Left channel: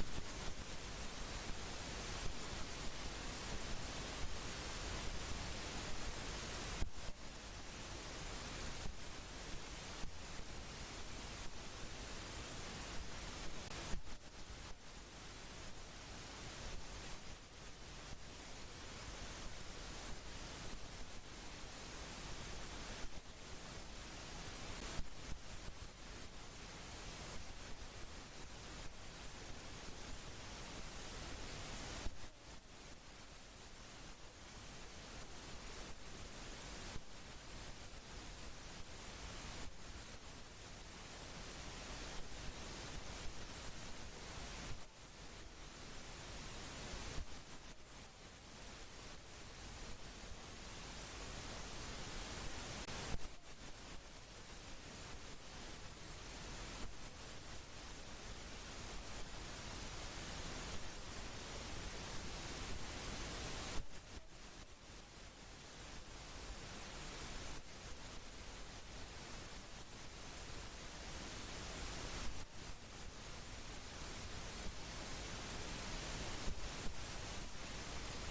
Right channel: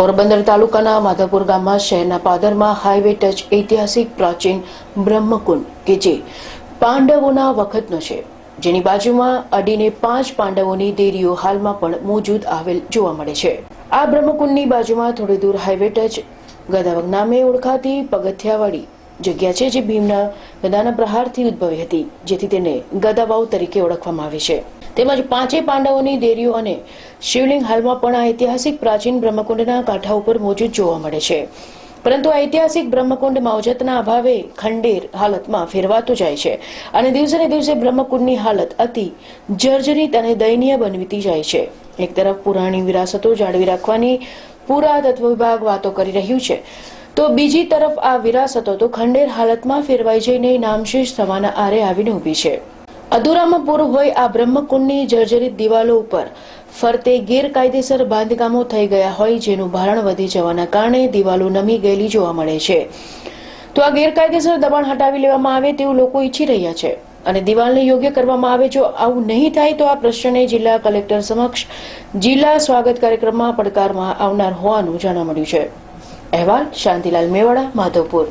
પોરબંદર તાલુકાના માધવપુર ગામમાં શહેરના પાદરમાં હાઈવે ટચ ઐતિહાસિક પ્રાચીન બ્રહ્મકુંડ કે જે પાંડવોના વખતનો છે. જેની બાજુમાં અડીને પાંચ પાંડવોની દેરીઓ હાલમાં પણ મોજૂદ આવેલ જોવા મળે છે. આ બ્રહ્મકુંડની બાજુમાં થોડી દૂર હાઈવે ટચ ગદાવક નામે ઓળખાતી પગથિયાવાળી જગ્યા છે જે ભીમના ગદાના પ્રહારથી ઉદ્ભવી હતી, જેથી તેને ગદાવાવ તરીકે ઓળખવામાં આવે છે. તેમજ પાંચેય પાંડવોની દેરીઓ અને શિવલિંગ હાલમાં પણ આ ઐતિહાસિક પ્રાચીન બ્રહ્મકુંડના કાંઠા ઉપર મોજૂદ જોવા મળે છે. પરંતુ ઐતિહાસિક બ્રહ્મકુંડ માવજતના અભાવે ખંડેર હાલતમાં ફેરવાતો જાય છે અને દિવસે ને દિવસે બ્રહ્મકુંડની હાલત અતિ જર્જરિત અને દયનીય બનવીતી જાય છે. એક તરફ પુરાણી વિરાસતો જાળવી રાખવાની પુરાતત્વ વિભાગ વાતો કરી રહ્યું છે, તો બીજી તરફ આ વિરાસતો તો ખંડેર હાલતમાં ફેરવાઈ જઈને નામશેષ થવાના આરે આવીને ઊભી છે. અધૂરામાં પૂરું હોય આ બ્રહ્મકુંડની જર્જરિત દિવાલો ઉપર ફરતે ગેરકાયદેસર બાંધકામો થઈ ગયા હોય જેનું ભારણ વધી જવાના કારણે દિવાલો નમી ગયેલી જોવા મળે છે. તો આ ગેરકાયદેસર દબાણ હટાવી લેવામાં આવે તેવું લોકો ઈચ્છી રહ્યા છે. અને દિવાલને યોગ્ય કરવામાં આવે જો આવું નહીં થાય તો આ પ્રશ્નને જિલ્લા કલેક્ટર સમક્ષ જિલ્લા સ્વાગત કાર્યક્રમમાં પડકારમાં આવનાર હોવાનું જાણવા મળ્યું છે. અહેવાલ શાંતિલાલ મેવાડા, માધવપુર.